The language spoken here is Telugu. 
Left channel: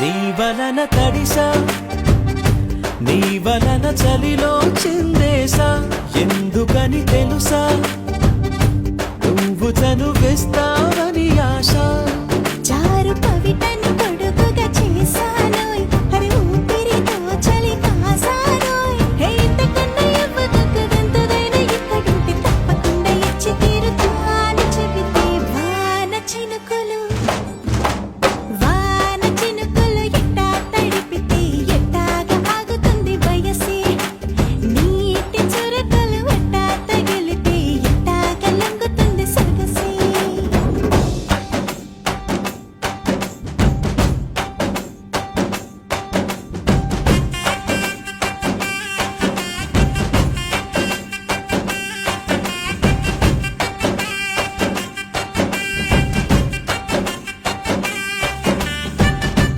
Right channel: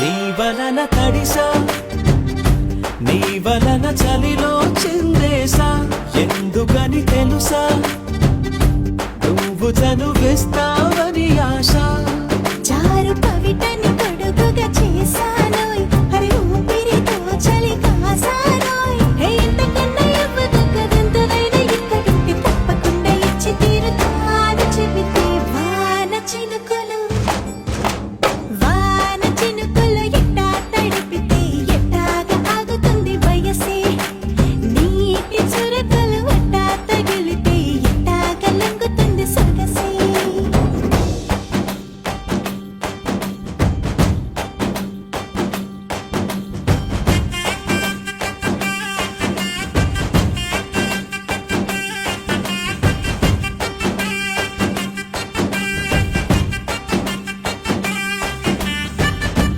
నీ వలన తడిసా, నీ వలన చలిలో చిందేసా. ఎందుకని తెలుసా, నువ్వు చనువిస్తావని ఆశ.